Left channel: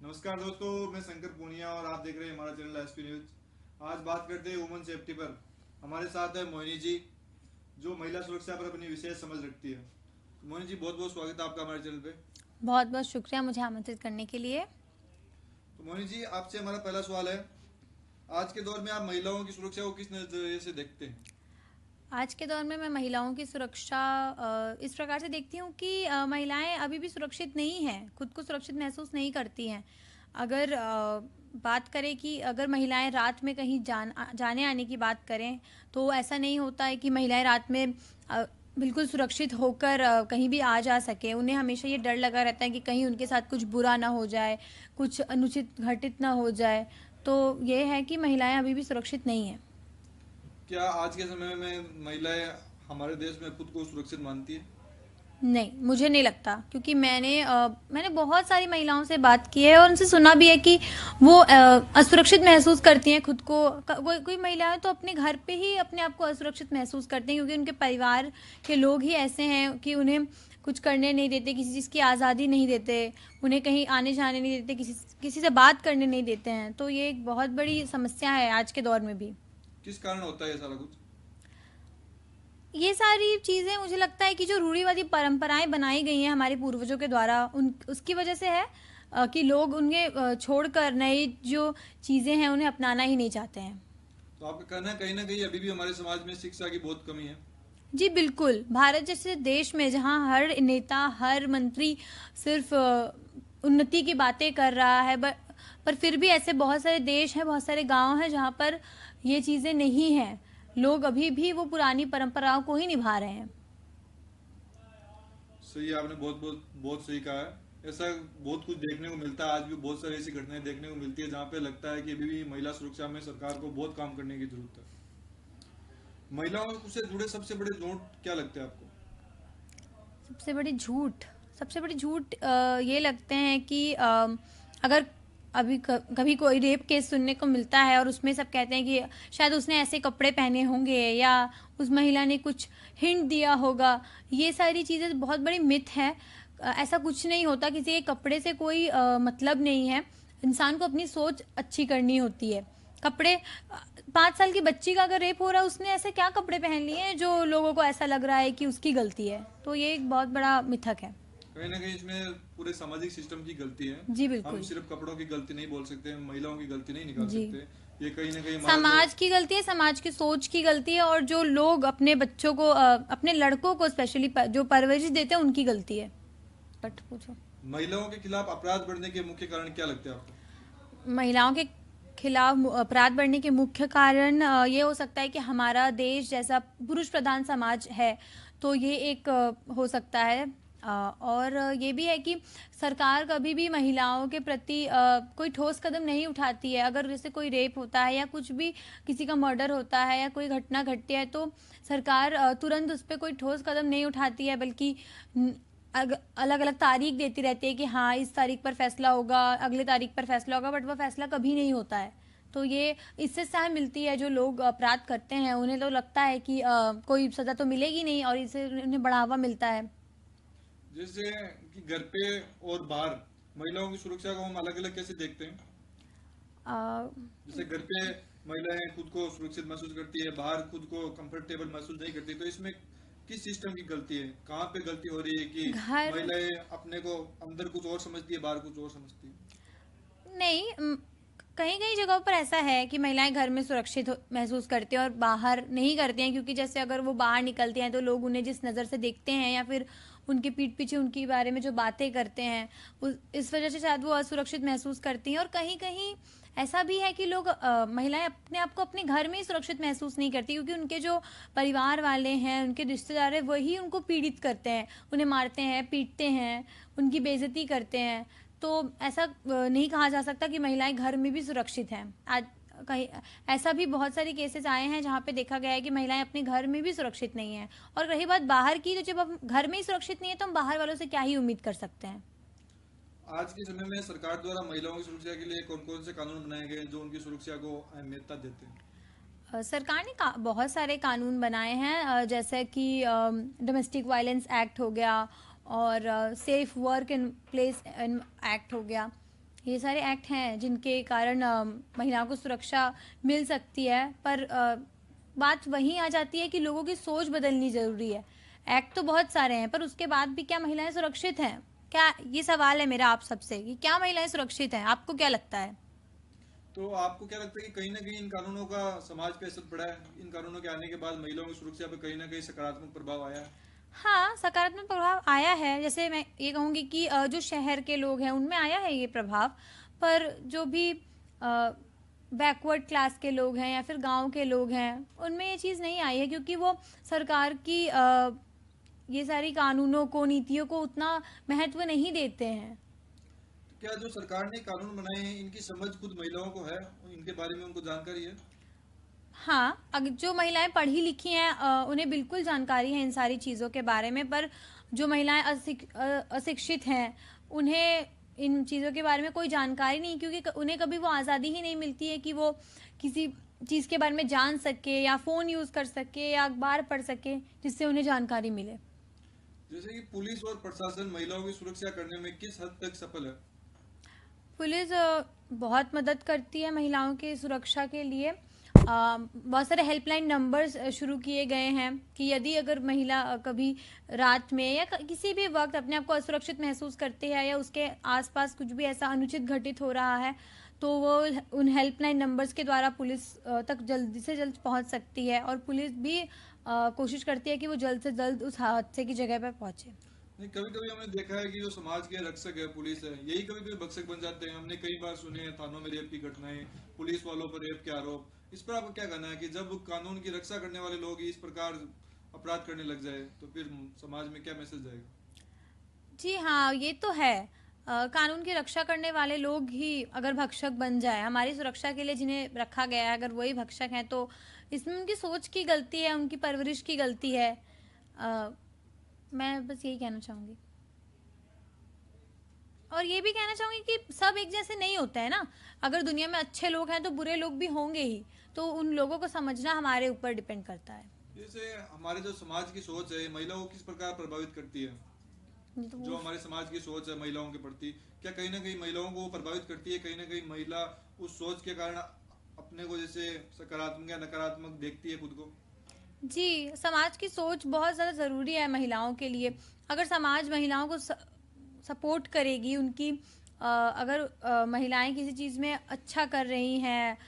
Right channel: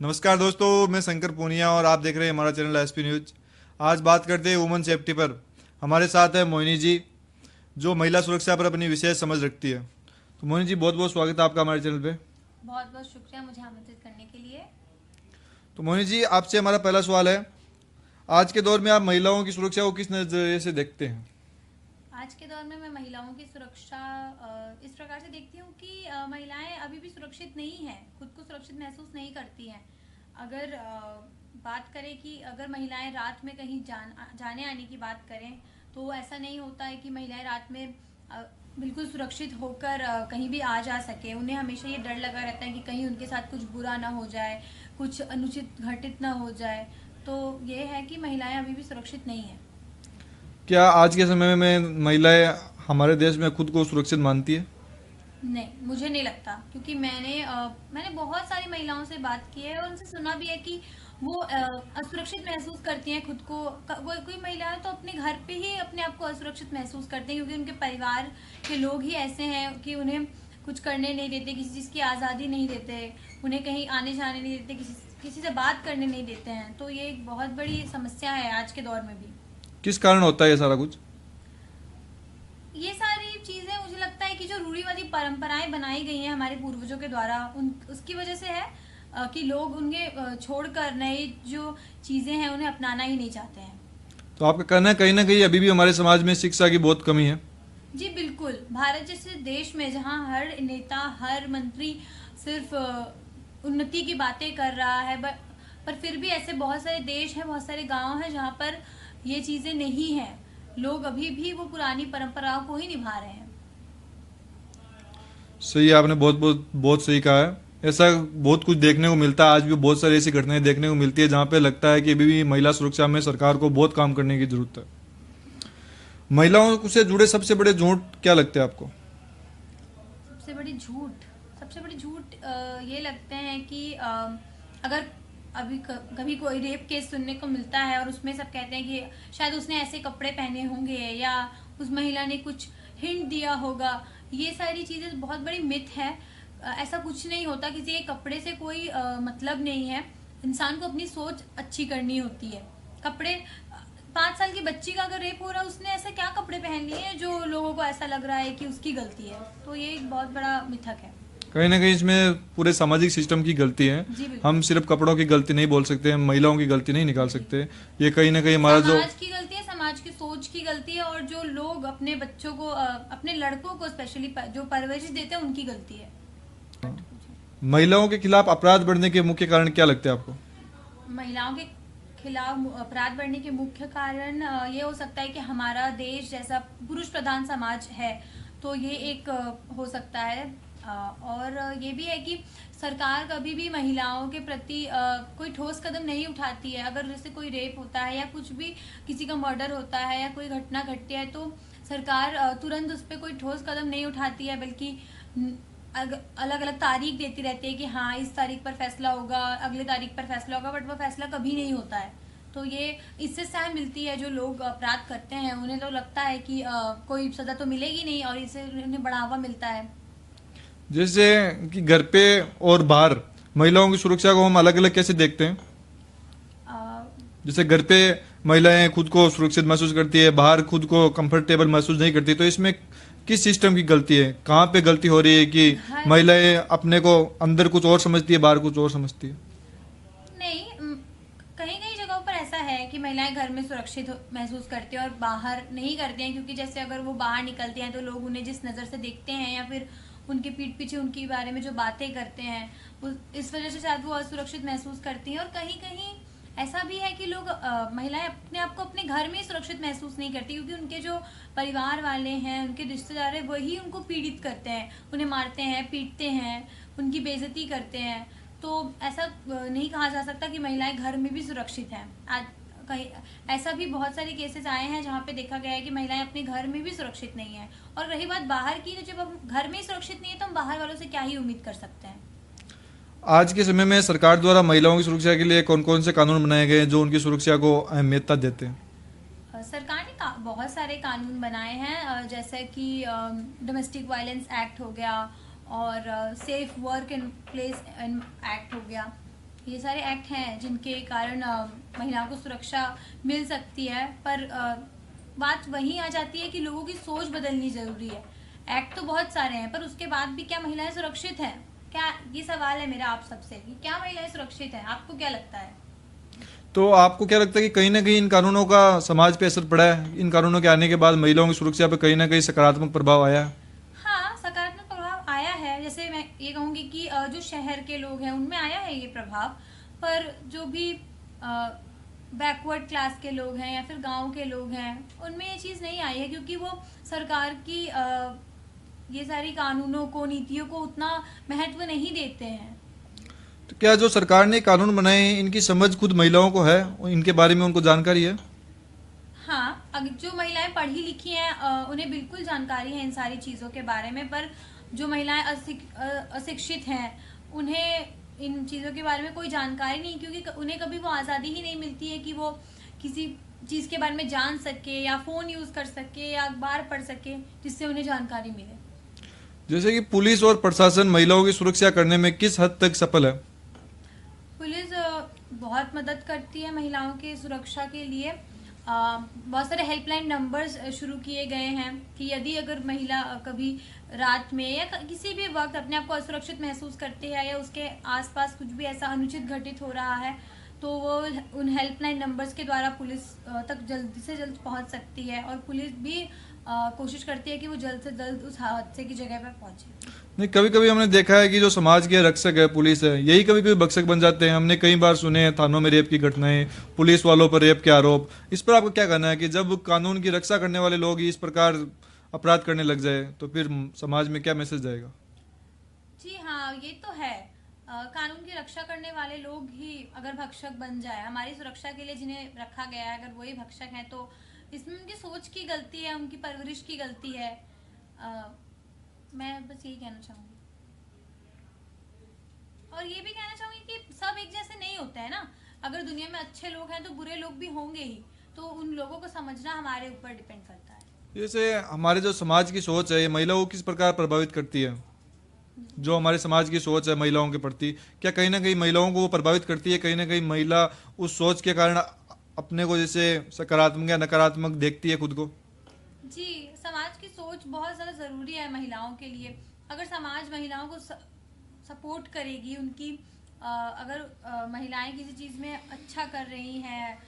नमस्कार दोस्तों, मैं शंकर पूनिया और आप देख रहे हैं हमारा चैनल एसपी न्यूज। आज बात करते हैं वुमेन सेफ्टी पर। हमारे साथ है मोहिनी जी, जो महिला सुरक्षा पर अपनी विशेष समझ रखती है। तो मोहिनी जी, बहुत बहुत स्वागत है आपका हमारे चैनल पे। बहुत बहुत शुक्रिया मुझे आमंत्रित करने के लिए। तो मोहिनी जी, आपसे हमारा पहला सवाल है, आज के दौर में आप महिलाओं की सुरक्षा को किस नज़रिए से देखते हैं? आज के दौर में मैं महिलाओं की सुरक्षा इस प्रकार से देखती हूँ कि महिलाएं अभी भी सुरक्षित नहीं हैं, खुद को सुरक्षित महसूस नहीं करती हैं। अगर बात करें कि अगर महिलाएं रात में कहीं जाने आने की बात करें, तो ऐसा नहीं होता है कि महिलाएं रात में बिल्कुल सुरक्षित होकर कहीं भी आ जा सके। उन्हें हमेशा ये डर लगा रहता है कि कहीं उनके साथ कुछ बुरा ना हो जाए, कुछ अनुचित घटित ना हो जाए। तो ये है कि महिलाएं अभी भी सुरक्षित नहीं हैं। क्या आज के समय में महिलाएं हमारे देश में खुद को सुरक्षित मानती है? नहीं, मुझे नहीं लगता, क्योंकि मैंने बहुत सारी महिलाओं से बात की है और उनसे सुना भी है कि वो असुरक्षित महसूस करती हैं खुद को। कोई महिलाएं तो अपने घर पे ही अपने आप को असुरक्षित महसूस करती हैं, क्योंकि उनके परिवार के लोग ही ऐसे हैं कि उन्हें कुछ करने नहीं देते, किसी चीज़ की आज़ादी नहीं देते, उन्हें कहीं आने जाने नहीं देते, किसी से बात करने नहीं देते हैं। तो ये एक बहुत बड़ी समस्या है आज के दौर में भी। किस कारण होता है ये सारा कुछ? ये सारी चीज़ें मुझे लगता है कि जो रूढ़िवादी परंपराएं बनाई गई हैं हमारे पूर्वजों के द्वारा, उन उसकी वजह से है कि लोग उनके छोड़कर नई जो चीज़ें हैं उन्हें अपनाना ही नहीं चाहते हैं। तो आपका कहना है कहीं ना कहीं अभी भी हमारे समाज में शिक्षा की बहुत कमी है? जी बिल्कुल, भारत जैसे देश में जहाँ हर नेता, हर मंत्री सिर्फ उन्नति की बातें कर रहा है, पर फिर भी ऐसे बहुत सारे देश हैं, बहुत सारे गांव हैं जहाँ पर ये चीज़ें नहीं हैं। लोग अभी भी वो पुरानी परंपराओं को ही निभा रहे हैं। सही है, आपने बहुत बहुत बहुत सही कहा है। ऐसा बहुत कुछ देखने को मिलता है, आज भी बहुत सारी ऐसी घटनाएं देखने को मिलती है जहाँ पे लगता है कि अभी भी महिला सुरक्षा में सरकार को बहुत काम करने की जरूरत है। महिलाओं से जुड़े सबसे बड़े झूठ क्या लगते हैं आपको? सबसे बड़ी झूठ सबसे बड़ी झूठ ये लगते हैं कि अगर अभी कभी कोई रेप केस सुनने को मिलता है और उसमें सब कहते हैं कि शायद उसने ऐसे कपड़े पहने होंगे या उस महिला ने कुछ हिंट दिया होगा। ये सारी चीज़ें बहुत बड़ी मिथ है। ऐसा कुछ नहीं होता, किसी के कपड़े से कोई मतलब नहीं है। इंसान को अपनी सोच अच्छी करनी होती है। कपड़े 5 साल की बच्ची का अगर रेप हो रहा है, उसने ऐसे क्या कपड़े पहन लिए हैं जो लोगों को ऐसा लग रहा है कि उसकी गलती है। तो ये एक बहुत बड़ा मिथक है। कहीं ना कहीं इसमें पूरे सामाजिक सिस्टम की गलती है। जी हम बिल्कुल। सिर्फ कपड़ों की गलती नहीं बोल सकते, हम महिलाओं की गलती नहीं निकाल जी, सकते। ये कहीं ना कहीं हमारा जो समाज की गलती है, समाज की सोच की गलती है, और जो लोग अपने बच्चों को अपने लड़कों को स्पेशली जो परवरिश देते हैं उनकी गलती है। बट पूछो। महिलाओं के खिलाफ अपराध बढ़ने के मुख्य कारण क्या लगते हैं आपको? महिलाओं के खिलाफ अपराध बढ़ने के मुख्य कारण ये हो सकता है कि हमारा देश जैसा पुरुष प्रधान समाज है, तो ये एक हो सकता है। और ये भी है कि सरकार कभी भी महिलाओं के प्रति कोई ठोस कदम नहीं उठाती है। अगर जैसे कोई रेप होता है या कुछ भी, किसी का मर्डर होता है या कोई घटना घटती है, तो सरकार तुरंत उस पर कोई ठोस कदम नहीं उठाती है, बल्कि अलग अलग तारीख देती रहती है कि हाँ इस तारीख पर फैसला होगा, अगले तारीख पर फैसला होगा, बट वो फैसला कभी नहीं होता है। तो ये इससे सहाय मिलती है। जो लोग अपराध करते हैं उन्हें तो लगता है कि कोई सजा तो मिलेगी नहीं, और इससे उन्हें बढ़ावा मिलता है। जैसे कि घर पे और बाहर महिलाओं की सुरक्षा को हम अलग अलग कैसे देखते हैं? अ, जैसे घर पे महिलाएं खुद को सुरक्षित महसूस करती है, बाहर खुद को कंफर्टेबल महसूस नहीं करती, तो इसमें किस सिस्टम की गलती है? कहाँ पे गलती हो रही है कि घर महिलाएं अपने को अंदर कुछ और समझती है, बाहर कुछ और समझती है? नहीं, कहीं कहीं जगहों पर ऐसा है कि महिलाएं घर में सुरक्षित महसूस करती हैं और बाहर नहीं करती हैं, क्योंकि जैसे अगर वो बाहर निकलती हैं तो लोग उन्हें जिस नज़र से देखते हैं या फिर उनके पीठ पीछे उनके बारे में जो बातें करते हैं, इस वजह से शायद वो असुरक्षित महसूस करती हैं। और कहीं कहीं ऐसा भी है कि महिलाएं अपने आप को अपने घर में ही सुरक्षित महसूस नहीं करती, क्योंकि उनके जो परिवार वाले हैं, उनके रिश्तेदार हैं, वही उनको पीड़ित करते हैं, उन्हें मारते हैं, पीटते हैं, उनकी बेइज्जती करते हैं। तो ऐसा नहीं कहा जा सकता कि महिलाएं घर में भी सुरक्षित हैं। आज कहीं ऐसा भी बहुत सारे केसेस आए हैं जहाँ पे देखा गया है कि महिलाएं अपने घर में भी सुरक्षित नहीं है। और रही बात बाहर की, तो जब हम घर में ही सुरक्षित नहीं है तो हम बाहर वालों से क्या ही उम्मीद कर सकते हैं। आज के समय में सरकार द्वारा महिलाओं की सुरक्षा के लिए कौन कौन से कानून बनाए गए हैं जो उनकी सुरक्षा को अहमियता देते हैं? सरकार ने बहुत सारे कानून बनाए हैं, जैसे कि डोमेस्टिक वायलेंस एक्ट हो गया और safe work and place act हो गया। ये सारे एक्ट हैं जिनके कारण महिलाओं को सुरक्षा मिल सकती है, पर बात वहीं आ जाती है कि लोगों की सोच बदलनी जरूरी है। एक्ट तो बहुत सारे हैं, पर उसके बाद भी क्या महिलाएं सुरक्षित हैं? क्या, ये सवाल है मेरा आप सबसे कि क्या महिलाएं सुरक्षित हैं? आपको क्या लगता है? तो आपको क्या लगता है कि कहीं ना कहीं इन कानूनों का समाज पे असर पड़ा है? इन कानूनों के आने के बाद महिलाओं की सुरक्षा पे कहीं ना कहीं सकारात्मक प्रभाव आया है? हाँ, सकारात्मक प्रभाव आया है। जैसे मैं ये कहूँगी कि जो शहर के लोग हैं उनमें आया है ये प्रभाव, पर जो भी बैकवर्ड क्लास के लोग हैं या फिर गांव के लोग हैं उनमें ये चीज़ नहीं आई है, क्योंकि वो सरकार की ये सारी कानूनों को, नीतियों को उतना महत्व नहीं देते हैं। तो क्या जो सरकार ने कानून बनाए हैं इनकी समझ खुद महिलाओं को है? इनके बारे में उनको जानकारी है? हाँ, अगर जो महिलाएं पढ़ी लिखी हैं उन्हें बिल्कुल जानकारी है इन सारी चीज़ों के बारे में, पर जो महिलाएं अशिक्षित हैं उन्हें इन चीज़ों के बारे में कोई जानकारी नहीं, क्योंकि उन्हें कभी वो आज़ादी ही नहीं मिलती है कि वो किसी चीज़ के बारे में जान सके या फ़ोन यूज़ कर सके या अखबार पढ़ सके जिससे उन्हें जानकारी मिले। जैसे कि पुलिस और प्रशासन महिलाओं की सुरक्षा करने में किस हद तक सफल है? पुलिस बहुत मदद करती है महिलाओं की सुरक्षा के लिए। बहुत सारे हेल्पलाइन नंबर्स शुरू किए गए हैं कि यदि अगर महिला कभी रात में या किसी भी वक्त अपने आप को असुरक्षित महसूस करती है या उसके आसपास कुछ भी ऐसा अनुचित घटित हो रहा है, तो वो उन हेल्पलाइन नंबर्स के द्वारा पुलिस तक जल्दी से जल्द पहुंच सकती है, और पुलिस भी कोशिश करती है कि वो जल्द से जल्द उस हादसे की जगह पर पहुंचे। नहीं, कभी कभी हमने देखा है कि जो समाज के रक्षक है, पुलिस है, यही कभी कभी भक्षक बन जाते हैं। हमने कई बार सुने हैं थानों में रेप की घटनाएं, पुलिस वालों पर रेप के आरोप। इस पर आपका क्या कहना है कि जब कानून की रक्षा करने वाले लोग ही इस प्रकार अपराध करने लग जाए तो फिर समाज में क्या मैसेज जाएगा? जी हाँ, ये तो है। कानून की रक्षा करने वाले लोग ही अगर भक्षक बन जाए, हमारी सुरक्षा के लिए जिन्हें रखा गया है अगर वही भक्षक हैं, तो इसमें उनकी सोच की गलती है, उनकी परवरिश की गलती है। मैं बस यही कहना चाहूँगी। और ये भी कहना चाहूँगी कि सब एक जैसे नहीं होते हैं ना। अगर दुनिया में अच्छे लोग हैं तो बुरे लोग भी होंगे ही, तो उन लोगों को समझना हमारे ऊपर डिपेंड करता है। जैसे हमारे जो समाज की सोच है ये महिलाओं को किस प्रकार प्रभावित करती है? जो हमारे समाज की सोच है महिलाओं के प्रति, क्या कहीं ना कहीं महिलाओं को वो प्रभावित करती है? कहीं ना कहीं महिला उस सोच के कारण अपने को जैसे सकारात्मक या नकारात्मक देखती है खुद को? जी, समाज की सोच बहुत ज़्यादा ज़रूरी है महिलाओं के लिए। अगर समाज महिलाओं को सपोर्ट करेगी, उनकी अगर महिलाएं किसी चीज़ में अच्छा कर रही हैं,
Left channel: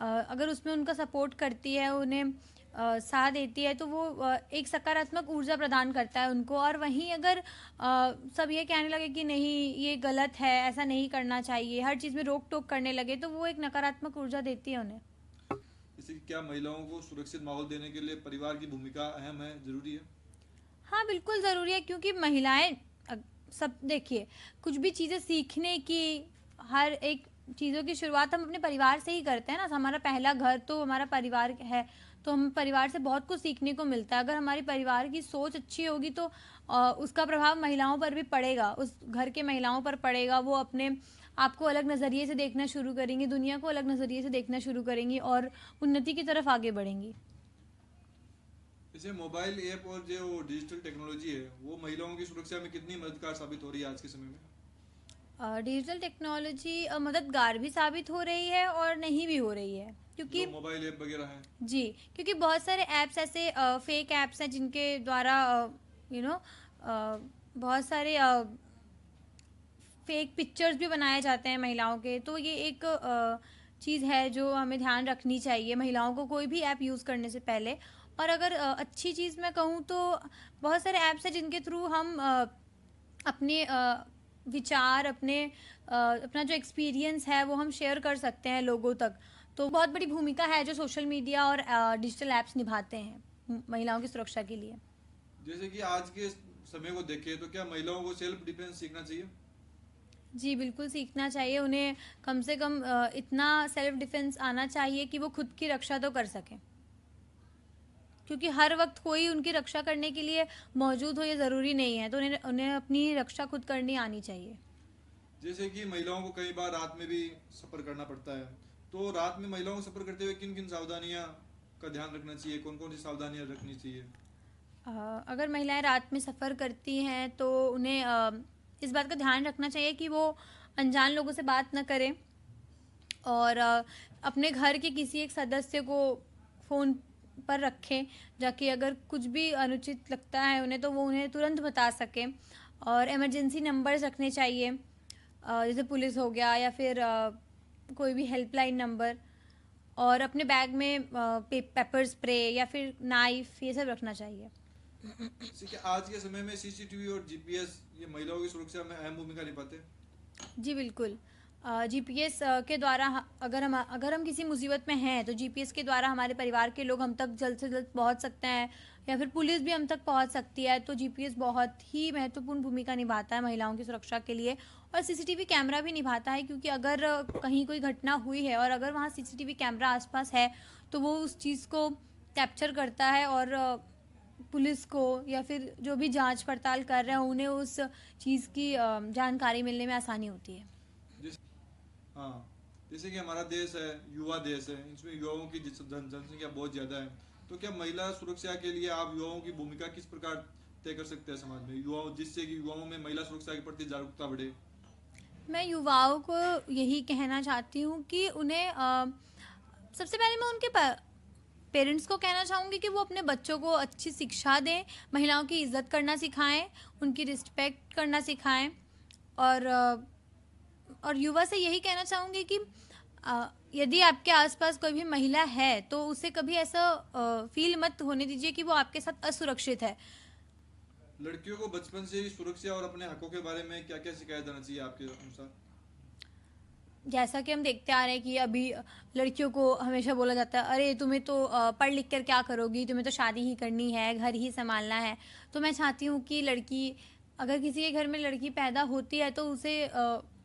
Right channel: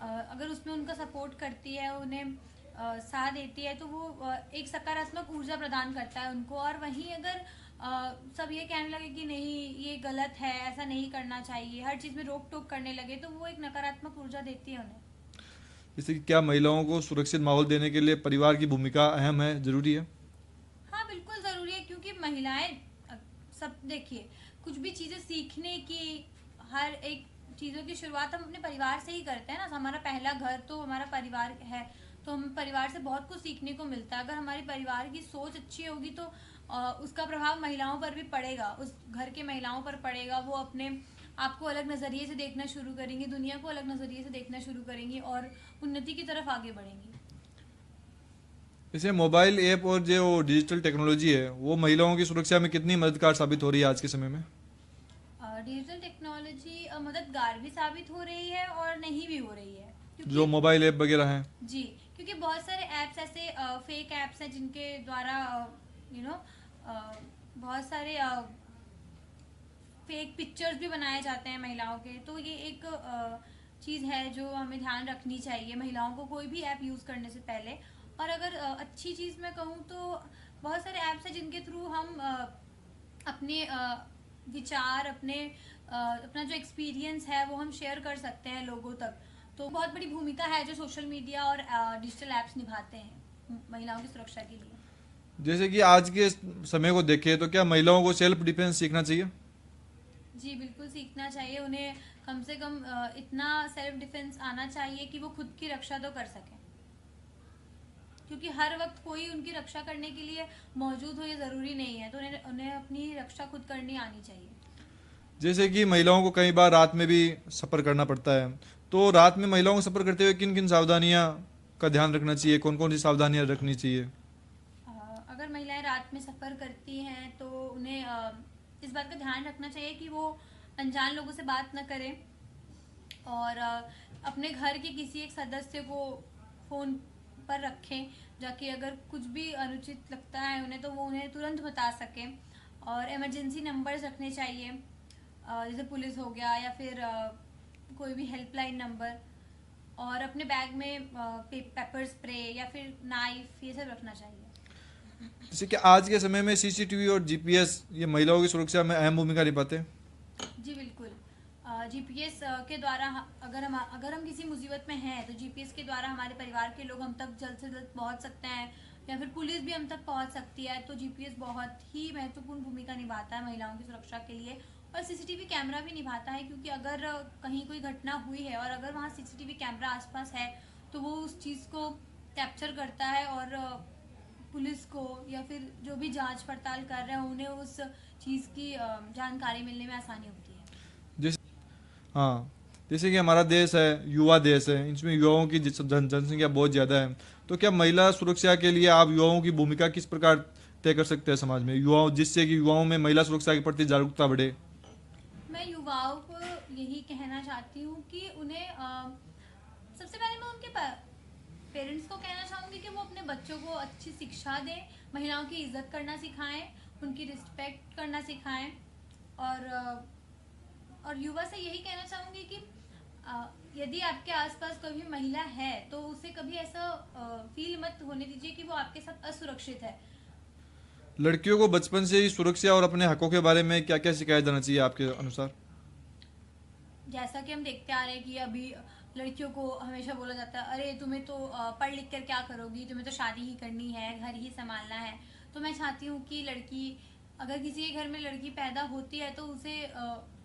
अगर उसमें उनका सपोर्ट करती है, उन्हें साथ देती है, तो वो एक सकारात्मक ऊर्जा प्रदान करता है उनको। और वहीं अगर सब ये कहने लगे कि नहीं ये गलत है, ऐसा नहीं करना चाहिए, हर चीज़ में रोक टोक करने लगे, तो वो एक नकारात्मक ऊर्जा देती है उन्हें। जैसे कि क्या महिलाओं को सुरक्षित माहौल देने के लिए परिवार की भूमिका अहम है, जरूरी है? हाँ, बिल्कुल ज़रूरी है, क्योंकि महिलाएं सब देखिए, कुछ भी चीज़ें सीखने की, हर एक चीज़ों की शुरुआत हम अपने परिवार से ही करते हैं ना। हमारा पहला घर तो हमारा परिवार है, तो हम परिवार से बहुत कुछ सीखने को मिलता है। अगर हमारी परिवार की सोच अच्छी होगी तो उसका प्रभाव महिलाओं पर भी पड़ेगा, उस घर के महिलाओं पर पड़ेगा। वो अपने आपको अलग नज़रिए से देखना शुरू करेंगी, दुनिया को अलग नज़रिए से देखना शुरू करेंगी और उन्नति की तरफ आगे बढ़ेंगी। जैसे मोबाइल ऐप और जो डिजिटल टेक्नोलॉजी है वो महिलाओं की सुरक्षा में कितनी मददगार साबित हो रही है आज के समय में? डिजिटल टेक्नोलॉजी मददगार भी साबित हो रही है और नहीं भी हो रही है, क्योंकि जो मोबाइल ऐप वगैरह हैं। जी, क्योंकि बहुत सारे ऐप्स ऐसे फेक ऐप्स हैं जिनके द्वारा यू नो बहुत सारे फेक पिक्चर्स भी बनाए जाते हैं महिलाओं के। तो ये एक चीज़ है जो हमें ध्यान रखनी चाहिए महिलाओं को कोई भी ऐप यूज़ करने से पहले। और अगर अच्छी चीज़ मैं कहूँ तो बहुत सारे ऐप्स हैं जिनके थ्रू हम अपने विचार, अपना जो एक्सपीरियंस है वो हम शेयर कर सकते हैं लोगों तक। तो बहुत बड़ी भूमिका है जो सोशल मीडिया और डिजिटल ऐप्स निभाते हैं महिलाओं की सुरक्षा के लिए। जैसे कि आज के समय को देखें तो क्या महिलाओं को सेल्फ डिफेंस सीखना चाहिए? जी, बिल्कुल सीखना चाहिए उन्हें। कम से कम इतना सेल्फ डिफेंस आना चाहिए कि वो खुद की रक्षा तो कर सकें, क्योंकि हर वक्त कोई उनकी रक्षा करने के लिए मौजूद हो ये ज़रूरी नहीं है। तो उन्हें अपनी रक्षा खुद करनी आनी चाहिए। जैसे कि महिलाओं को कई बार रात में भी सफ़र करना पड़ता है, तो रात में महिलाओं को सफ़र करते हुए किन किन सावधानियां का ध्यान रखना चाहिए, कौन कौन सी सावधानियां रखनी चाहिए? अगर महिलाएं रात में सफ़र करती हैं तो उन्हें इस बात का ध्यान रखना चाहिए कि वो अनजान लोगों से बात न करें और अपने घर के किसी एक सदस्य को फ़ोन पर रखें, जाकि अगर कुछ भी अनुचित लगता है उन्हें तो वो उन्हें तुरंत बता सकें। और इमरजेंसी नंबर्स रखने चाहिए, जैसे पुलिस हो गया या फिर कोई भी हेल्पलाइन नंबर। और अपने बैग में पेपर स्प्रे या फिर नाइफ ये सब रखना चाहिए। जैसे कि आज के समय में सीसीटीवी और जीपीएस ये महिलाओं की सुरक्षा में अहम भूमिका निभाते हैं। जी बिल्कुल। जीपीएस के द्वारा अगर हम किसी मुसीबत में हैं तो जीपीएस के द्वारा हमारे परिवार के लोग हम तक जल्द से जल्द पहुंच सकते हैं, या फिर पुलिस भी हम तक पहुंच सकती है। तो जीपीएस बहुत ही महत्वपूर्ण भूमिका निभाता है महिलाओं की सुरक्षा के लिए। और सीसीटीवी कैमरा भी निभाता है, क्योंकि अगर कहीं कोई घटना हुई है और अगर वहाँ सीसीटीवी कैमरा आसपास है तो वो उस चीज़ को कैप्चर करता है और पुलिस को या फिर जो भी जांच पड़ताल कर रहे हैं उन्हें उस चीज़ की जानकारी मिलने में आसानी होती है। जैसे हाँ, जैसे कि हमारा देश है युवा देश है, इसमें युवाओं की जनसंख्या बहुत ज़्यादा है। तो क्या महिला सुरक्षा के लिए आप युवाओं की भूमिका किस प्रकार तय कर सकते हैं समाज में, युवाओं जिससे कि युवाओं में महिला सुरक्षा के प्रति जागरूकता बढ़े? मैं युवाओं को यही कहना चाहती हूँ कि उन्हें सबसे पहले मैं उनके पेरेंट्स को कहना चाहूँगी कि वो अपने बच्चों को अच्छी शिक्षा दें, महिलाओं की इज्जत करना सिखाएं, उनकी रिस्पेक्ट करना सिखाएं। और युवा से यही कहना चाहूँगी कि यदि आपके आसपास कोई भी महिला है तो उसे कभी ऐसा फील मत होने दीजिए कि वो आपके साथ असुरक्षित है। लड़कियों को बचपन से ही सुरक्षा और अपने हकों के बारे में क्या क्या सिखाया जाना चाहिए आपके अनुसार? जैसा कि हम देखते आ रहे हैं कि अभी लड़कियों को हमेशा बोला जाता है, अरे तुम्हें तो पढ़ लिख कर क्या करोगी, तुम्हें तो शादी ही करनी है, घर ही संभालना है। तो मैं चाहती हूँ कि लड़की, अगर किसी के घर में लड़की पैदा होती है तो उसे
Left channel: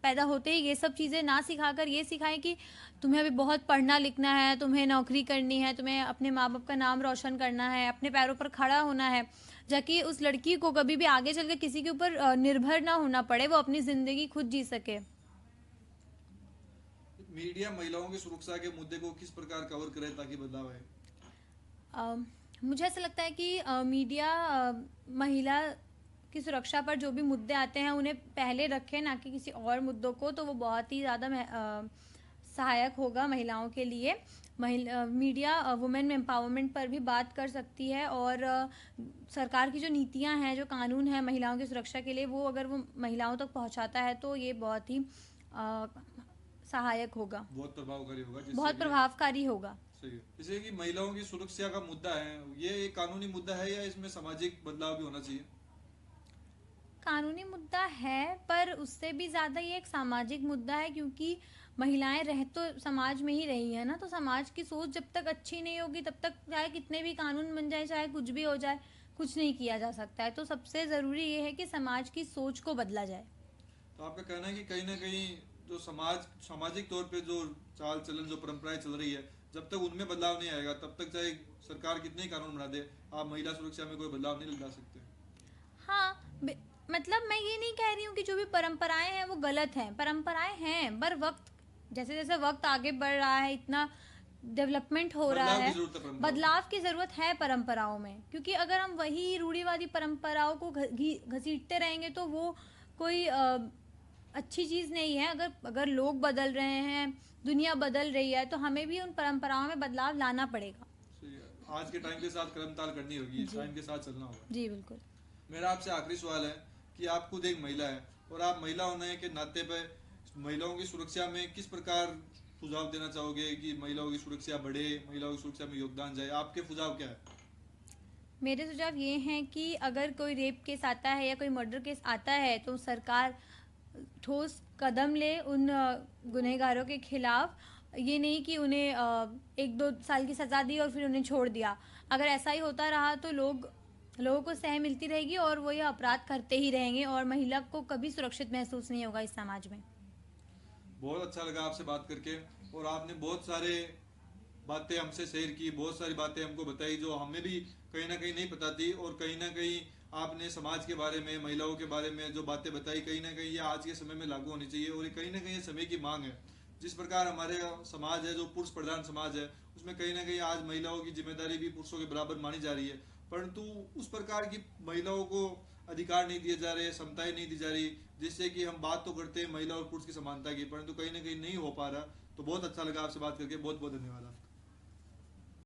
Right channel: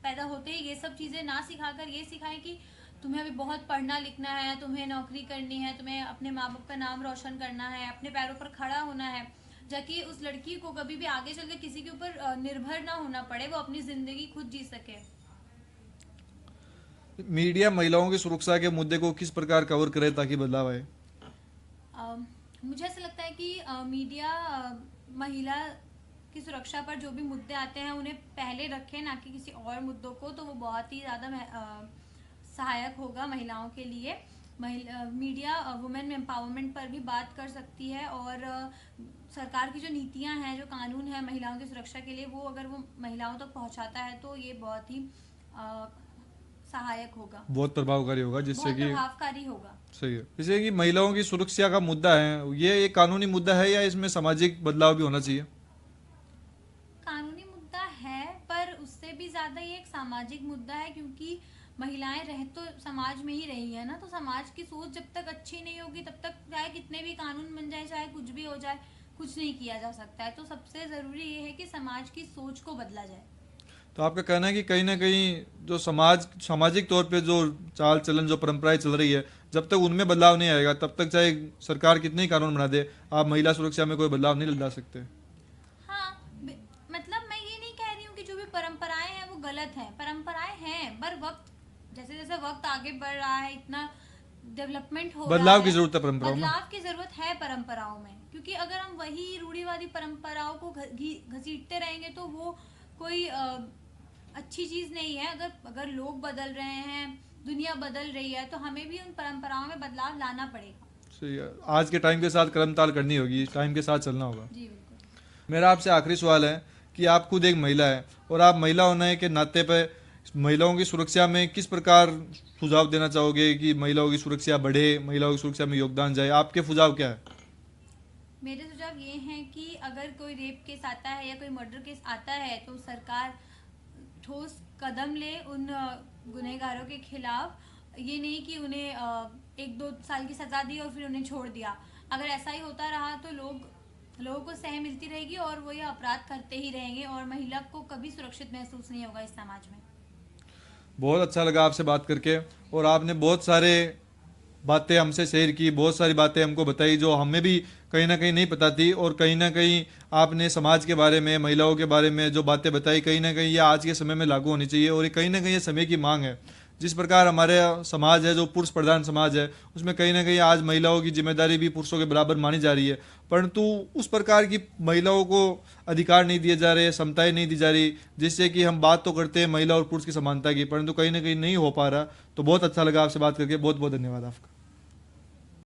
पैदा होते ही ये सब चीज़ें ना सिखाकर ये सिखाएं कि तुम्हें अभी बहुत पढ़ना लिखना है, तुम्हें नौकरी करनी है, तुम्हें अपने माँ बाप का नाम रोशन करना है, अपने पैरों पर खड़ा होना है, ताकि उस लड़की को कभी भी आगे चलकर किसी के ऊपर निर्भर ना होना पड़े, वो अपनी ज़िंदगी खुद जी सके। मीडिया महिलाओं की सुरक्षा के मुद्दे को किस प्रकार कवर करे ताकि बदलाव आए? मुझे ऐसा लगता है कि मीडिया महिला की सुरक्षा पर जो भी मुद्दे आते हैं उन्हें पहले रखें, ना कि किसी और मुद्दों को, तो वो बहुत ही ज़्यादा सहायक होगा महिलाओं के लिए। मीडिया वुमेन एम्पावरमेंट पर भी बात कर सकती है, और सरकार की जो नीतियां हैं, जो कानून है महिलाओं की सुरक्षा के लिए, वो अगर वो महिलाओं तक पहुंचाता है तो ये बहुत ही सहायक होगा, बहुत प्रभावकारी होगा, जिससे बहुत कि प्रभावकारी होगा। सही है। जैसे कि महिलाओं की सुरक्षा का मुद्दा है, ये एक कानूनी मुद्दा है या इसमें सामाजिक बदलाव भी होना चाहिए? कानूनी मुद्दा है, पर उससे भी ज़्यादा ये एक सामाजिक मुद्दा है, क्योंकि महिलाएं रह तो समाज में ही रही है ना। तो समाज की सोच जब तक अच्छी नहीं होगी तब तक चाहे कितने भी कानून बन जाए, चाहे कुछ भी हो जाए, कुछ नहीं किया जा सकता है। तो सबसे ज़रूरी ये है कि समाज की सोच को बदला जाए। तो आपका कहना है कि कहीं ना कहीं जो सामाजिक तौर पे जो चाल चलन जो परंपराएं चल रही है, जब तक उनमें बदलाव नहीं आएगा तब तक चाहे सरकार कितने ही कानून बना दे, आप महिला सुरक्षा में कोई बदलाव नहीं ला सकते। हाँ, मतलब मैं ये नहीं कह रही हूँ कि जो भी परंपराएं हैं वो गलत हैं, परंपराएं हैं, पर वक्त जैसे जैसे वक्त आगे बढ़ रहा है, इतना डेवलपमेंट हो रहा है, बदलाव की जरूरत है परंपराओं में। बदलाव की जरूरत है परंपराओं में, क्योंकि अगर हम वही रूढ़िवादी परंपराओं को घसीटते रहेंगे तो वो कोई अच्छी चीज नहीं है। अगर लोग बदल रहे हैं, दुनिया बदल रही है, तो हमें भी उन परंपराओं में बदलाव लाना पड़ेगा। सही है, आज के टाइम के साथ कदम-ताल करनी होगी, टाइम के साथ चलना होगा। जी बिल्कुल। मेरा आपसे आखिरी सवाल है कि आप खुद एक महिला है और आप महिला होने के नाते पे महिलाओं की सुरक्षा में किस प्रकार सुझाव देना चाहोगे कि महिलाओं की सुरक्षा बढ़े, महिलाओं की सुरक्षा में योगदान जाए? आपके सुझाव क्या है? मेरे सुझाव ये हैं कि अगर कोई रेप केस आता है या कोई मर्डर केस आता है तो सरकार ठोस कदम ले उन गुनहगारों के खिलाफ। ये नहीं कि उन्हें 1-2 साल की सजा दी और फिर उन्हें छोड़ दिया। अगर ऐसा ही होता रहा तो लोगों को सह मिलती रहेगी और वो ये अपराध करते ही रहेंगे, और महिला को कभी सुरक्षित महसूस नहीं होगा इस समाज में। बहुत अच्छा लगा आपसे बात करके, और आपने बहुत सारे बातें हमसे शेयर की, बहुत सारी बातें हमको बताई जो हमें भी कहीं ना कहीं नहीं पता थी, और कहीं ना कहीं आपने समाज के बारे में, महिलाओं के बारे में जो बातें बताई, कहीं ना कहीं ये आज के समय में लागू होनी चाहिए, और ये कहीं ना कहीं ये समय की मांग है। जिस प्रकार हमारे समाज है जो पुरुष प्रधान समाज है, उसमें कहीं ना कहीं आज महिलाओं की जिम्मेदारी भी पुरुषों के बराबर मानी जा रही है, परंतु उस प्रकार की महिलाओं को अधिकार नहीं दिए जा रहे, समताएं नहीं दी जा रही, जिससे कि हम बात तो करते हैं महिला और पुरुष की समानता की, परंतु कहीं ना कहीं नहीं हो पा रहा। तो बहुत अच्छा लगा आपसे बात करके, बहुत बहुत धन्यवाद आपका।